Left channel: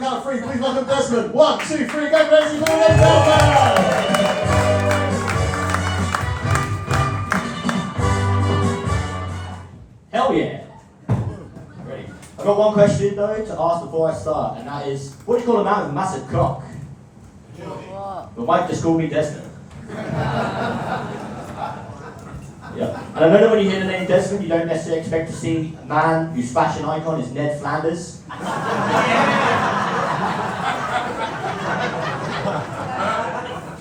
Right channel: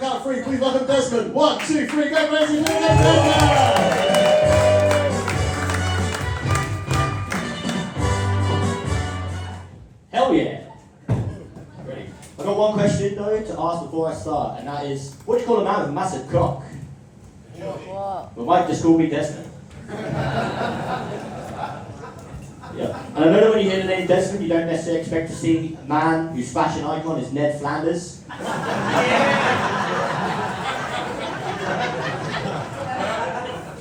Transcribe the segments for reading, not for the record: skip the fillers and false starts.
the count of three, please welcome Desmond. 1, 2, 3, go crazy, go Desmond! Hell yeah! Ready? I've got one question though to ask before I start, and that is, what do you call a man with a massive cock? What? My wife just called me Desmond. Yeah. And I know that when you hear the name Desmond, you don't necessarily expect to see a man whose fashion icon is Ned Flanders.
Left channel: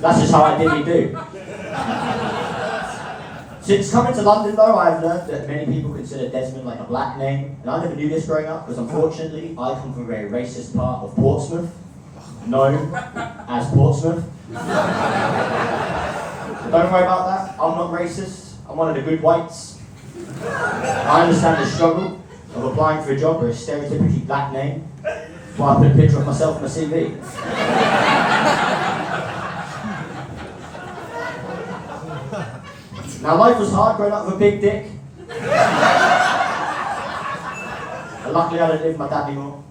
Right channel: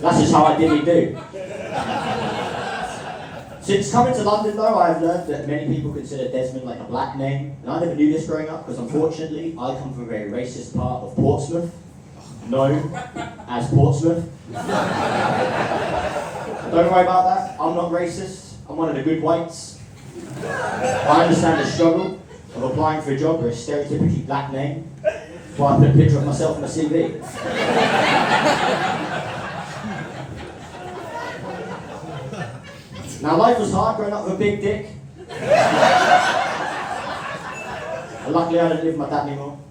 That's just how I really do. Since coming to London though, I've learned that many people consider Desmond like a black name, and I never knew this growing up because unfortunately I come from a very racist part of Portsmouth, known as Portsmouth. Don't worry about that, I'm not racist, I'm one of the good whites. I understand the struggle of applying for a job with a stereotypically black name, so I put a picture of myself on my CV. Now life was hard growing up with a big dick. And luckily I don't live with my dad anymore.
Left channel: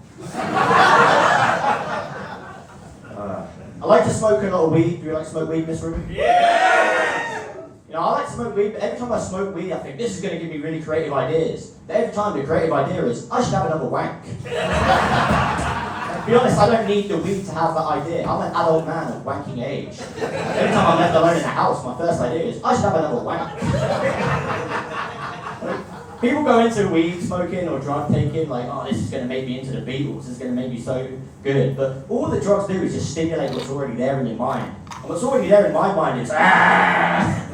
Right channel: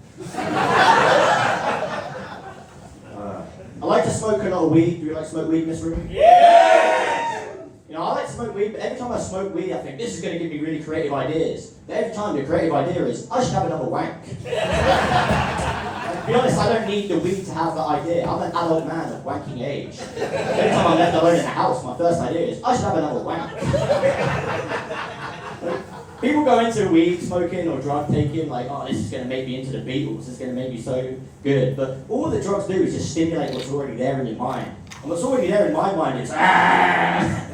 I like to smoke a lot of weed. Do you like to smoke weed in this room? Yeah! You know, I like to smoke weed, but every time I smoke weed I think this is going to give me really creative ideas. But every time the creative idea is, I should have another wank. To be honest, I don't need the weed to have that idea. I'm an adult man of wanking age. Every time I'm left alone in the house, my first idea is, I should have another wank. People go into weed smoking or drug taking like, oh, this is going to make me into the Beatles, this is going to make me so good. But all the drugs do is just stimulate what's already there in your mind. And what's already there in my mind is, ah!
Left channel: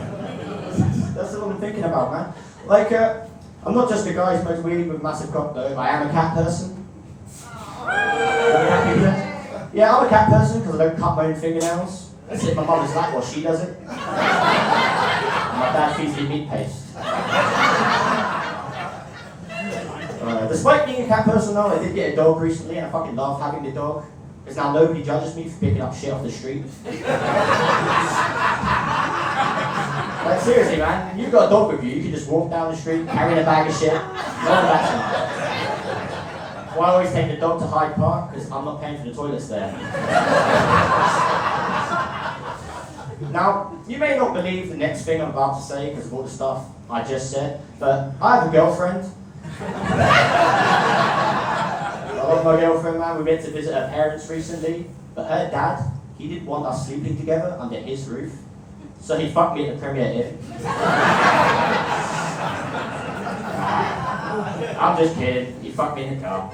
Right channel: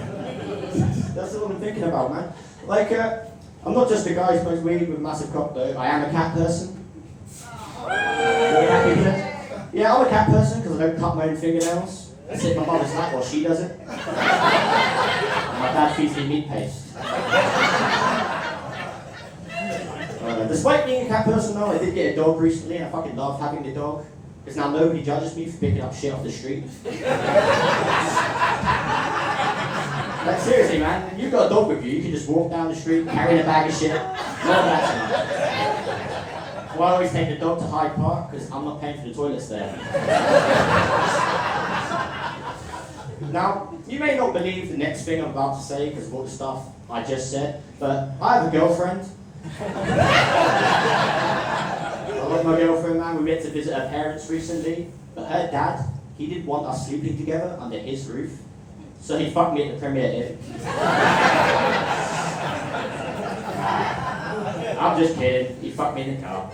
That's what I'm thinking about, man. Like, I'm not just a guy who smokes weed with a massive cock though. I am a cat person. Yeah, I'm a cat person because I don't cut my own fingernails. I sit in my mother's lap while she does it. And my dad feeds me meat paste. Despite being a cat person though, I did get a dog recently and I fucking love having the dog. Because now nobody judges me for picking up shit off the street. Like seriously man, you've got a dog with you, you can just walk down the street carrying a bag of shit. None of that. Well, I always take the dog to Hyde Park because I'm not paying for the toilets there. Now, you may not believe the next thing I'm about to say because of all the stuff I just said, but I have a girlfriend. I love my girlfriend, man. We went to visit her parents recently, but her dad, he didn't want us sleeping together under his roof, so he fucked me at the premiere Inn. I'm just kidding, he fucked me in the car.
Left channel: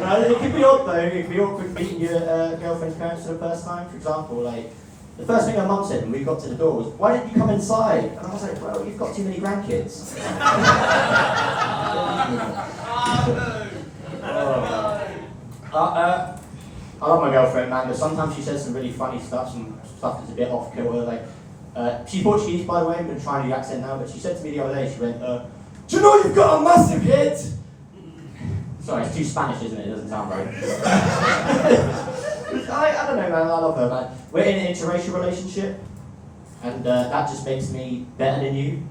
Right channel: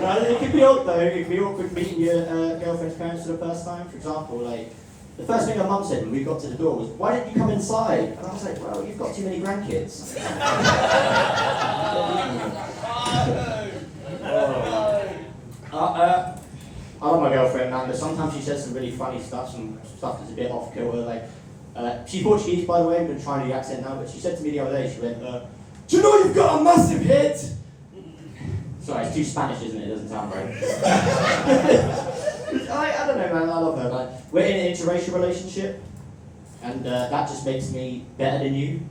No, it could be odd though, it could be awkward meeting your girlfriend's parents for the first time. For example, like, the first thing her mum said when we got to the door was, why didn't you come inside? And I was like, well, you've got too many grandkids. I love my girlfriend, man, but sometimes she says some really funny stuff, some stuff that's a bit off kilter. Like, she's Portuguese, by the way, I'm going to try a new accent now, but she said to me the other day, she went, do you know you've got a massive head? Sorry, it's too Spanish, isn't it? It doesn't sound right. I don't know, man, I love her, man. We're in an interracial relationship, and that just makes me better than you.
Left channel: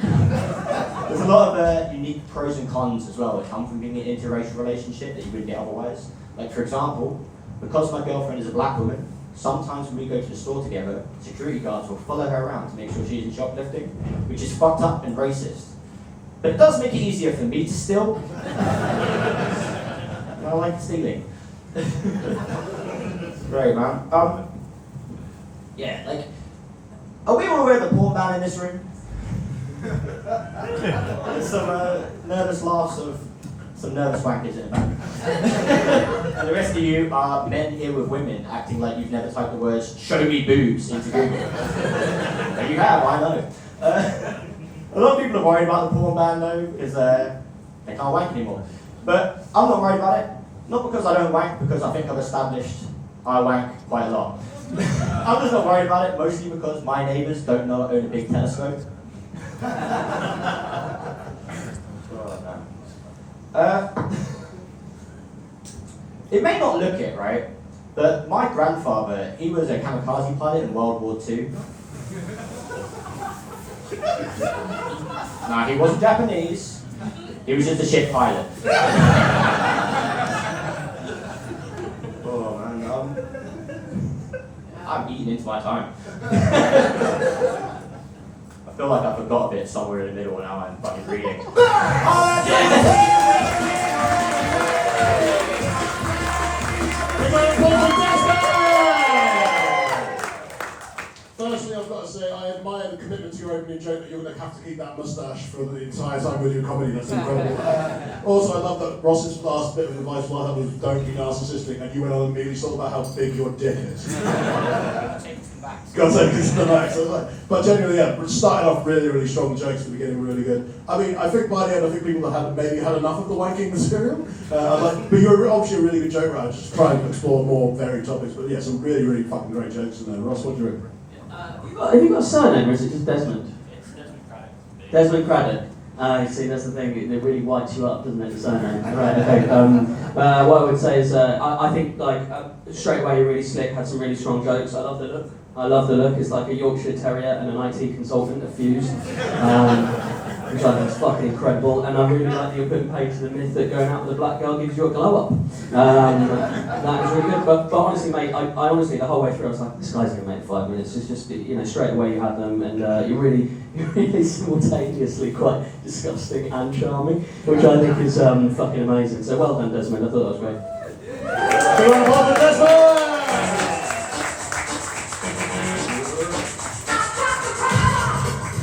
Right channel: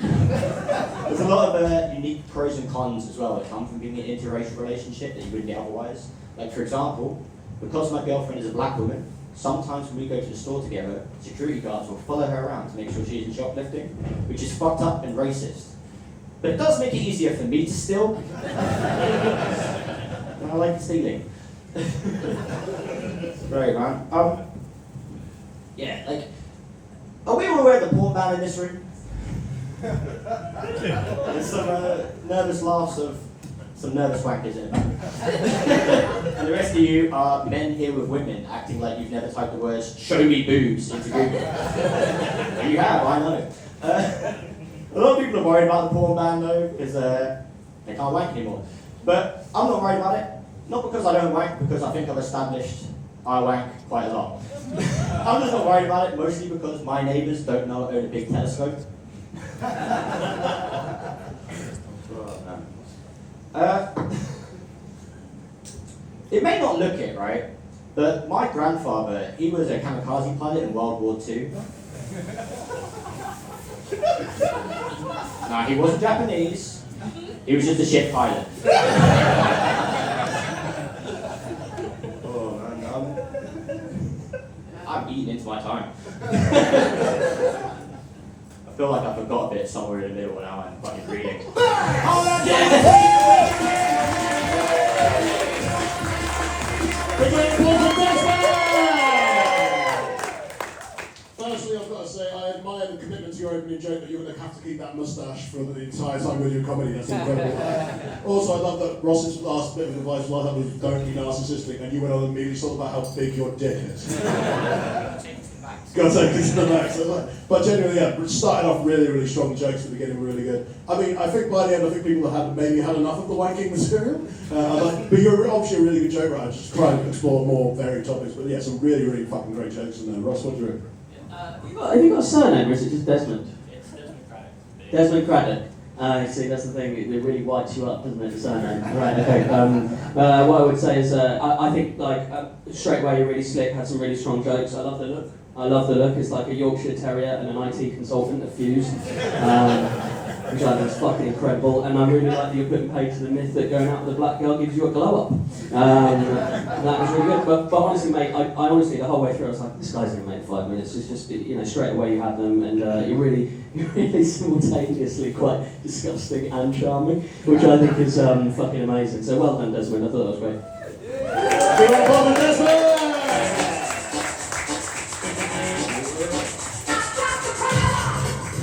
There's a lot of unique pros and cons as well that come from being in an interracial relationship that you wouldn't get otherwise. Like, for example, because my girlfriend is a black woman, sometimes when we go to the store together, security guards will follow her around to make sure she isn't shoplifting, which is fucked up and racist. But it does make it easier for me to steal. I like stealing. Great, man. Yeah, like, are we all aware of the porn ban in this room? There's some nervous laughs of some nervous wankers in it. And the rest of you are men here with women acting like you've never typed the words "show me boobs" into Google. But you have, I know. A lot of people are worried about the porn ban though, because they can't wank anymore. But I'm not worried about it. Not because I don't wank, because I think I've established I wank quite a lot. I'm just not worried about it, mostly because my neighbours don't know I own a big telescope. It may not look it, right? But my grandfather, he was a kamikaze pilot in World War II. Nah, he wasn't Japanese. He was just a ship pilot. I'm eating into my time. I feel like I forgot a bit somewhere in the middle, and now I'm fucking reading. Firstly, I've got to say, I admire the commitment to your opening joke that you're going to have to keep that moustache for the entire time with your comedy. That's incredible. Also, I love that Ross's last bit of advice was don't be narcissistic, and you went on and immediately talked about how big your dick is. Got to take it to the max. But genuinely, yeah, started off really, really strong. The jokes at the beginning were really good. I mean, I think by the end, I think people have maybe had enough of the wanking material. But you're obviously a really good joke writer. Just trying to explore more varied topics. But yeah, some really, really fucking great jokes in there. Ross, what do you reckon? Have you got a surname, or is it just Desmond? It's Desmond Craddock. Desmond Craddock. See, that's the thing, it really whites you up, doesn't it, the surname? Right, okay. What I would say is, I think, straight away you're really slick, had some really strong jokes. I love the look. It's like a Yorkshire Terrier and an IT consultant, a fuse. Which I think is fucking incredible, and I really like that you're putting paid to the myth that going out with a black girl gives you a glow up. That was really good, but honestly, mate, I honestly, the whole way through, I was like, this guy's gonna make 5 minutes. It's just, straight away you have them, and you're really simultaneously quite disgusting and charming, which I think is fucking amazing. So well done, Desmond. I thought that was great. Desmond!